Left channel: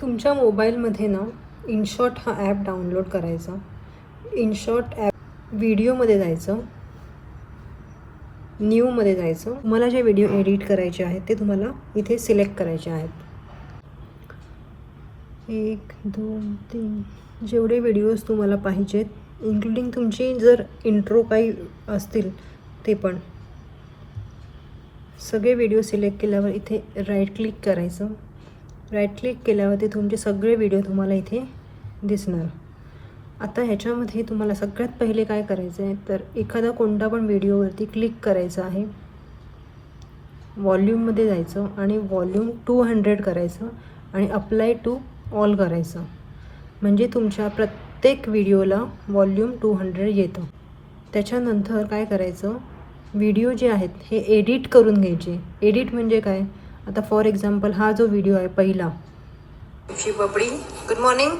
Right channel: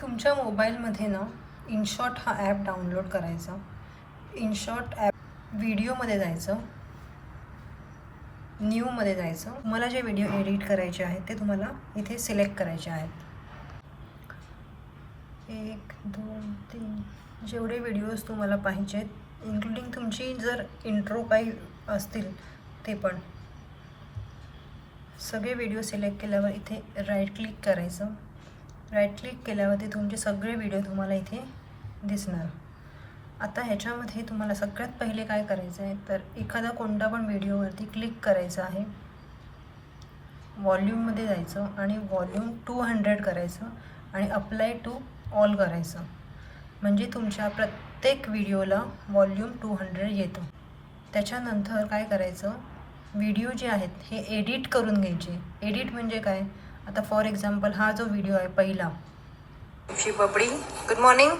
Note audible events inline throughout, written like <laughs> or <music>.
तुमच्या मोबाईलमध्ये ना इनशॉट हा ॲप डाउनलोड करायचा. इनशॉट ॲप व्हिडिओमध्ये जायचं. न्यूमध्ये जायचं. तुम्हाला जे व्हिडिओ एडिट करायचे आहेत ते तुम्हाला इथे सिलेक्ट करायचे आहेत. एक दोन तीन. जेवढे व्हिडिओज तुम्हाला पाहिजेत इन्क्लुडिंग तुमची जर इंट्रो काही असतील ते पण. सगळे व्हिडिओ सिलेक्ट केल्यावर इथे राईट क्लिक करायचं. राईट क्लिक केल्यावरती तुमचे सगळे व्हिडिओ तुम्हाला इथे दिसणार. आता ह्याच्यामध्ये तुम्हाला सगळ्यात पहिले काय करायचं आहे तर एखादा कोणता पण व्हिडिओवरती क्लिक करायचं आहे. वॉल्यूममध्ये जायचं आणि वॉल्यूम टू हंड्रेड करायचं आणि अप्लाय टू ऑल करायचं. म्हणजे तुमच्या प्रत्येक व्हिडिओला वॉल्यूम टू हंड्रेड येतं. त्याच्यानंतर काय करायचं? व्हिडिओ जे आहेत हे एडिट करून घ्यायचे. एडिट म्हणजे काय? आता फॉर एक्झाम्पल हा जो व्हिडिओ आहे पहिला. बबडी गुड मॉर्निंग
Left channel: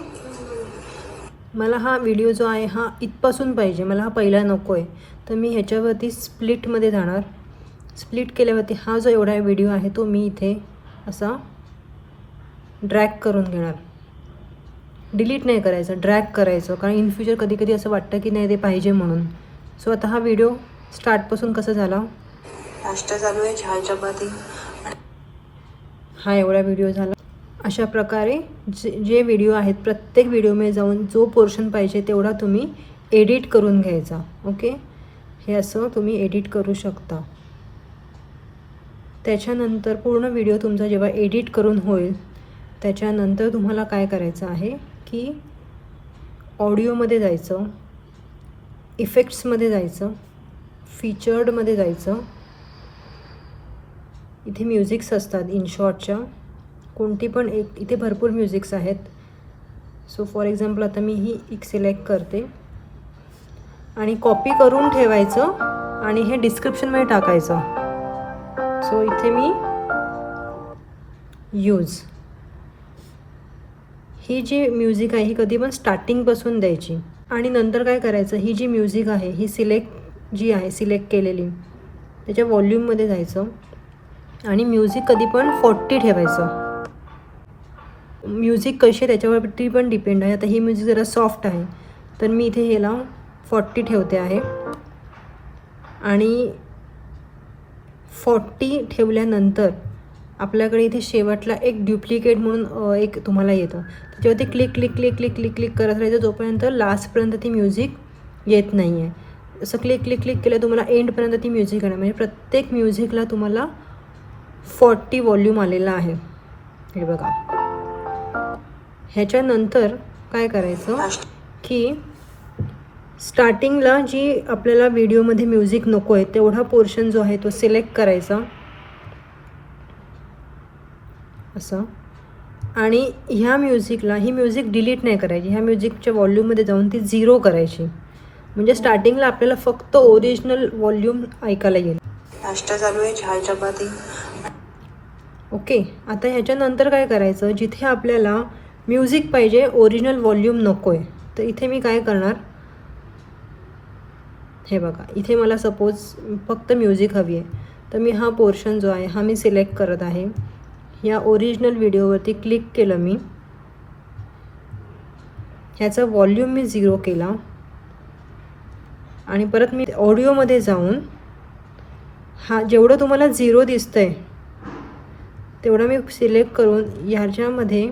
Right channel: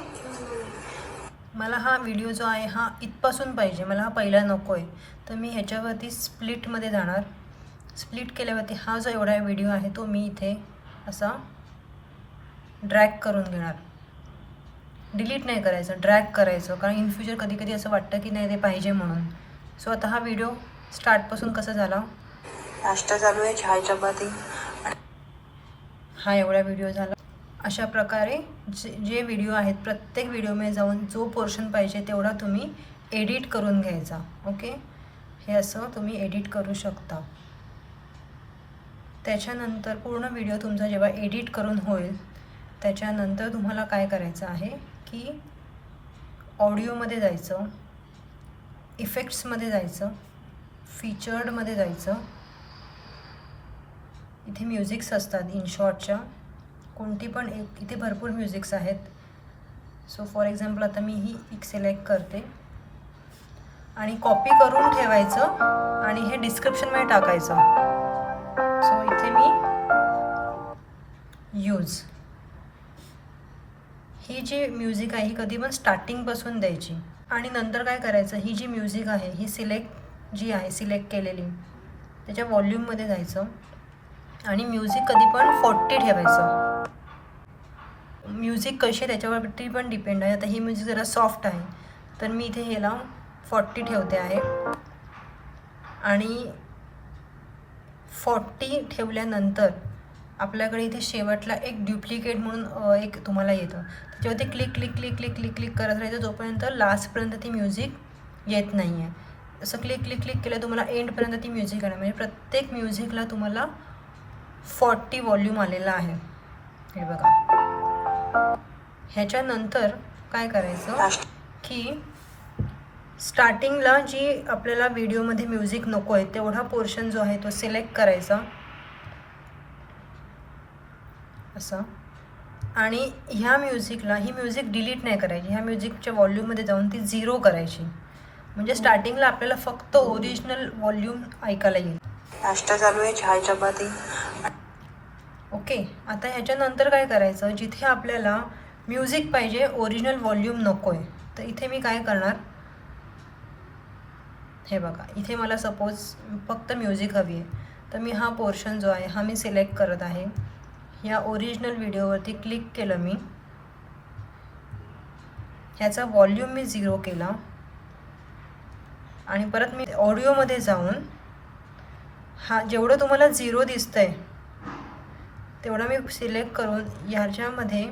मला हा व्हिडिओ जो आहे हा इथपासून पाहिजे. मला हा पहिला नको आहे. तर मी ह्याच्यावरती स्प्लिटमध्ये जाणार. स्प्लिट केल्यावरती हा जो एवढा व्हिडिओ आहे तो मी इथे असा ड्रॅग करून घेणार. डिलीट नाही करायचं ड्रॅग करायचं. कारण इन फ्युचर कधी कधी असं वाटतं की नाही ते पाहिजे म्हणून. सो आता हा व्हिडिओ स्टार्टपासून कसं झाला? नाश्ता चालू आहे चहा चपाती हा एवढा व्हिडिओ झाला. अशा प्रकारे जे जे व्हिडिओ आहेत प्रत्येक व्हिडिओमध्ये जाऊन जो पोर्शन पाहिजे तेवढा तुम्ही एडिट करून घ्यायचा. ओके हे असं तुम्ही एडिट करू शकता. त्याच्यानंतर पूर्ण व्हिडिओ तुमचा जेव्हा एडिट करून होईल त्याच्यानंतर तुम्हाला काय करायचं आहे की ऑडिओमध्ये जायचं इफेक्ट्समध्ये जायचं फीचर्डमध्ये जायचं इथे म्युझिक्स असतात इन शॉर्टच्या कोणती पण एक इथे भरपूर म्युझिक्स आहेत. सो फॉर एक्झाम्पल आता मी ही एक सिलेक्ट करते. आणि कॉपी करून ठेवायचं आणि हे डिस्क्रिप्शनमध्ये टाकायचं. सो इथे मी यूज ही जी म्युझिक आहे ही कधी पण स्टार्टिंगपासून द्यायची. आणि नंतर काय करायचं ही जी म्युझिक आहे ही सिलेक्ट जी आहे सिलेक्ट केलेली त्याच्या वॉल्यूममध्ये जायचं. आणि म्युझिक कधी पण फोर्टी ठेवायचं. म्युझिक कशी आहे त्याच्यावरती पण डिपेंड आहे. आता ही म्युझिक म्हणजे जरा सॉफ्ट आहे. तर मी इथे ह्याला फॉर्टी ठेवते आहे. आणि फॉर्टी ठेवल्यानंतर आपल्याकडे इथे शेवटला एक ड्युप्लिकेट म्हणून एक तुम्हाला येतो. त्याच्यावरती click click click click click click करत राहायचं. जोपर्यंत लास्टपर्यंत ती म्युझिक येत नाही आहे असं क्लिक क्लिक क्लिक केलं तुम्हाला एंडपर्यंत ती म्युझिक येणार. म्हणजे प्रत्येक म्युझिकला तुम्हाला फॉर्टी व्हॉल्यूम आलेला आहे. हे बघा. ह्याच्यानंतर काय करायचं? की स्टार्टिंगला जी आपल्याला व्हिडिओमध्ये म्युझिक नको आहे तेवढा पोर्शन जो आहे तो सिलेक्ट करायचा. असं. आणि ह्या म्युझिकला ही म्युझिक डिलीट नाही करायची. ह्या म्युझिकच्या व्हॉल्यूममध्ये जाऊन ती झिरो करायची. म्हणजे स्टार्टिंगला आपल्याला फक्त ओरिजिनल व्हॉल्यूम ऐकायला येईल. नाश्ता चालू आहे चहा चपाती ओके आता ह्याच्यानंतर काय करायचं? जिथे आपल्याला म्युझिक पाहिजे ओरिजिनल व्हॉल्यूम नको आहे तर इथे मी काय करणार? हे बघा इथे मला सपोज फक्त म्युझिक हवी आहे. तर मी हा पोर्शन जो आहे हा मी सिलेक्ट करत आहे. या ओरिजिनल व्हिडिओवरती क्लिक केलं मी. ह्याचा व्हॉल्यूम मी झिरो केला. आणि परत मी ऑडिओमध्ये जाऊन हा जेवढं तुम्हाला झिरो दिसतंय तेवढं मी सिलेक्ट करून ह्याच्यामध्ये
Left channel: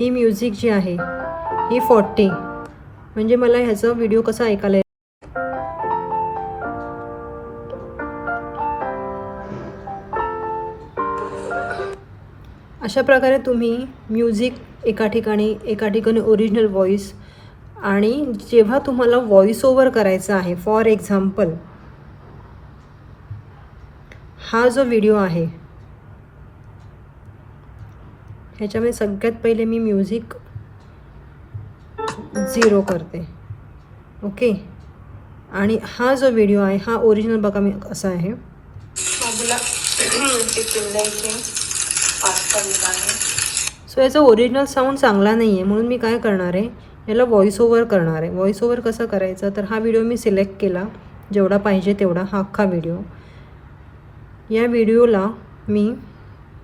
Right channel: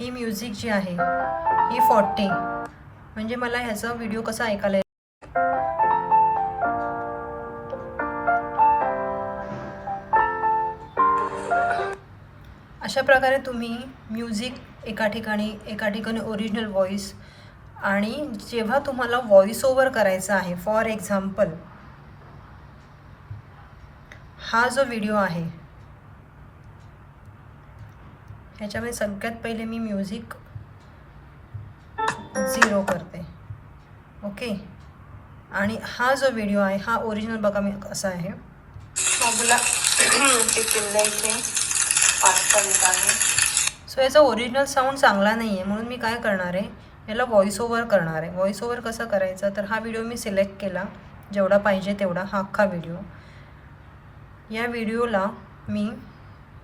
ही म्युझिक जी आहे ही फॉर्टी. म्हणजे मला ह्याचा व्हिडिओ कसा ऐकायला अशा प्रकारे तुम्ही म्युझिक एका ठिकाणी एका ठिकाणी ओरिजिनल व्हॉईस आणि जेव्हा तुम्हाला व्हॉईस ओव्हर करायचा आहे फॉर एक्झाम्पल हा जो व्हिडिओ आहे ह्याच्यामध्ये सगळ्यात पहिले मी म्युझिक झिरो करते. ओके आणि हा जो व्हिडिओ आहे हा ओरिजिनल बघा मी असा आहे. सो याचा ओरिजिनल साऊंड चांगला नाही आहे म्हणून मी काय करणार आहे याला व्हॉईस ओव्हर करणार आहे. व्हॉईस ओव्हर कसं करायचं? तर हा व्हिडिओ मी सिलेक्ट केला. जेवढा पाहिजे तेवढा हा अख्खा व्हिडिओ या व्हिडिओला मी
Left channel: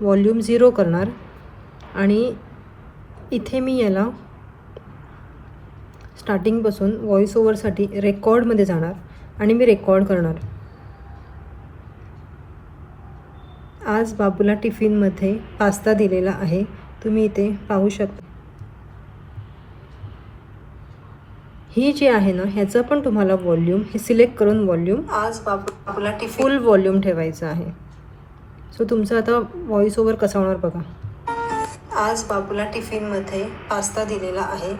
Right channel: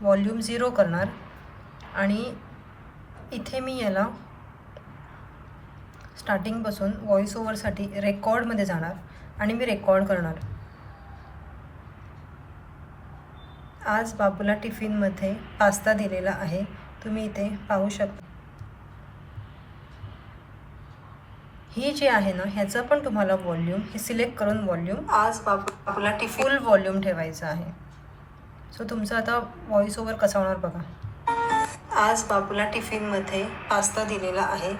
व्हॉल्यूम झिरो करणार. आणि इथे मी याला स्टार्टिंगपासून व्हॉइस ओव्हरसाठी रेकॉर्डमध्ये जाणार आणि मी रेकॉर्ड करणार. आज बाबूला टिफिनमध्ये पास्ता दिलेला आहे. तुम्ही इथे पाहू शकता. ही जी आहे ना ह्याचा पण तुम्हाला वॉल्यूम हे सिलेक्ट करून वॉल्यूम आज बाबू बाबूला टिफिन फुल वॉल्यूम ठेवायचं आहे. सो तुमचं आता व्हॉइस ओव्हर कसं होणार बघा. आज बाबूला टिफिनमध्ये पास्ता दिलेला आहे.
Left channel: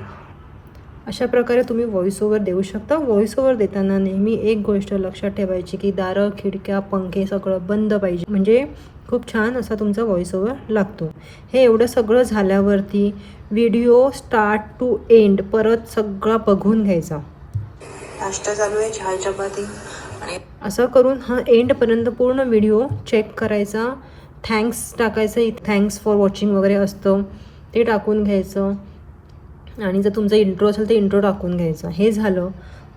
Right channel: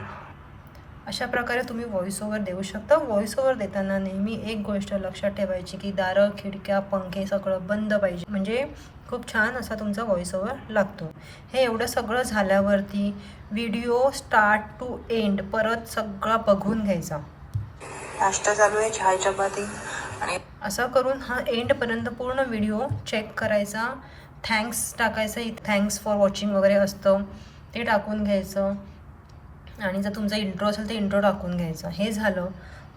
अशा प्रकारे तुम्ही व्हॉइस ओव्हर देऊ शकता. व्हॉइस ओव्हर देताना नेहमी एक गोष्ट लक्षात ठेवायची की दारं खिडक्या पंखे सगळं बंद पाहिजे. म्हणजे खूप छान असा तुमचा व्हॉइस ओव्हर लागतो. हे एवढं सगळं झाल्यावरती व्हिडिओ स्टार्ट टू एंड परत सगळं बघून घ्यायचा. नाश्ता चालू आहे चहा चपाती. आणि असं करून हा एंडपर्यंत पूर्ण व्हिडिओ चेक करायचा. थँक्स टाकायचं थँक्स फॉर वॉचिंग वगैरे असतं. ते टाकून घ्यायचं. आणि जर तुमचं इंट्रो असेल तर इंट्रो टाकून घ्यायचं. हे झालं.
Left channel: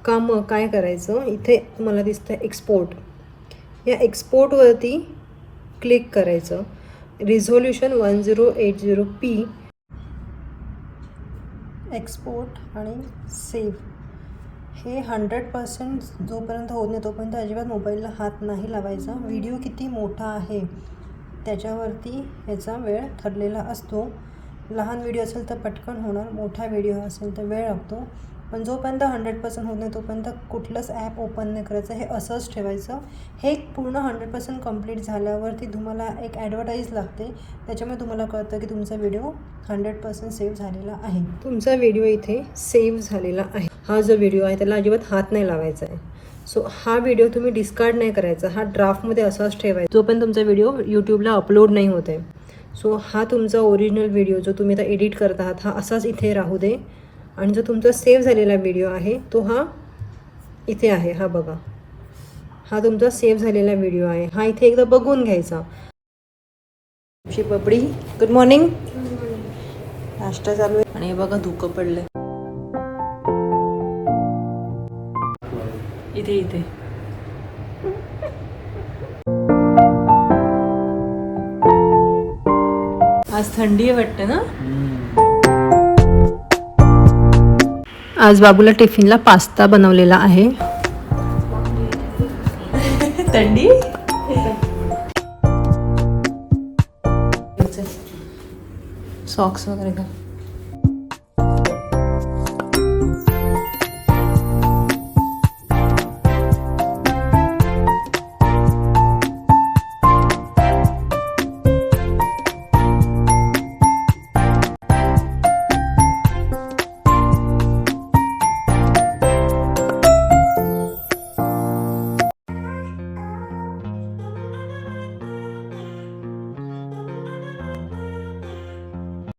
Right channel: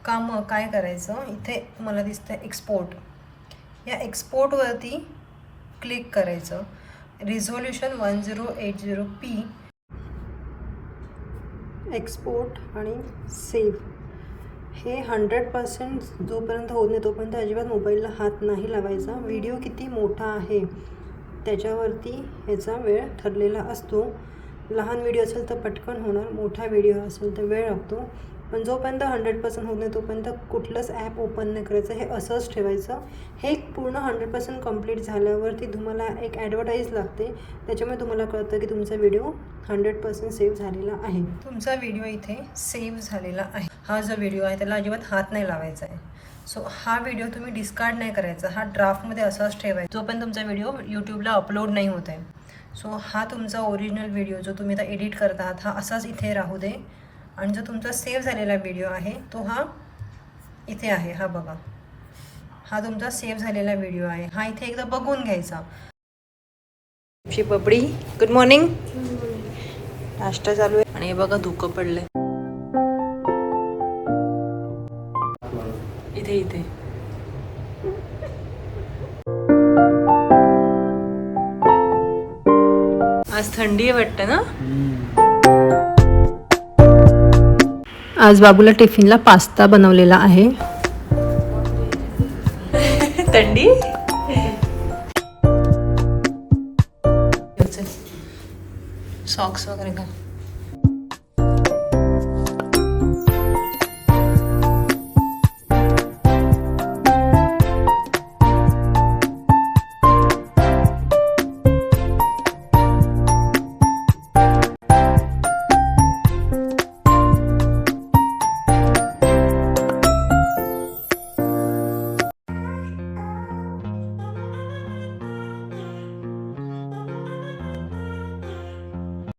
का मग काय करायचं? इथे मला दिसतं एक्सपोर्ट या एक्सपोर्टवरती क्लिक करायचं. Resolution one zero eight zero P export आणि सेव्ह हे हंड्रेड पर्सेंट जोपर्यंत होत नाही तोपर्यंत अजिबात मोबाईलला हात नाही लावायचा. व्हिडिओ किती मोठा आहे? त्याच्यावरती ह्याचा वेळ ठरलेला असतो. लहान व्हिडिओ असेल तर पटकन होणार मोठा व्हिडिओ असेल तर वेळ लागतो. पण जोपर्यंत हंड्रेड पर्सेंट होत नाही तोपर्यंत कुठलंच ॲप ओपन नाही करायचं. हे असंच ठेवायचं. हे पूर्ण हंड्रेड पर्सेंट कंप्लीट झाल्यावरती तुम्हाला एक ॲडव्हर्टाईज लागते. त्याच्यामुळे तुम्हाला कळतं की तुमचा व्हिडिओ हंड्रेड पर्सेंट सेव्ह झालेला आहे. तुमचा व्हिडिओ इथे सेव्ह झालेला आहे. हा जो व्हिडिओ आहे त्याला अजिबात हात नाही लावायचा आहे. सो हा व्हिडिओ तुम्ही डिस्कार्ड नाही करायचा. हा ड्राफ्टमध्ये असाच ठेवायचा. जो पण तुमचा व्हिडिओ यूट्यूबला अपलोड नाही होत आहे. सो हा तुमचा ओरिजिनल व्हिडिओ जो तुम्ही आता एडिट करत आहात हा असाच इथे राहू दे. आणि जो तुमचा सेव्ह झालेला व्हिडिओ आहे तो हा इथे आहे. हा बघा. हा तुमचा सेव्ह झालेला व्हिडिओ आहे. हा इथे एकदा बघून घ्यायचा. शी बबडी गुड मॉर्निंग नाश्ता चालू आहे. आणि हे बघा धुकं पडलंय. इथे इथे. आज थंडी आहे वाटतं ना? आज बाबूला टिफिनला पास्ता बनवलेला आहे. <laughs> थंडी? सॉक्स वगैरे का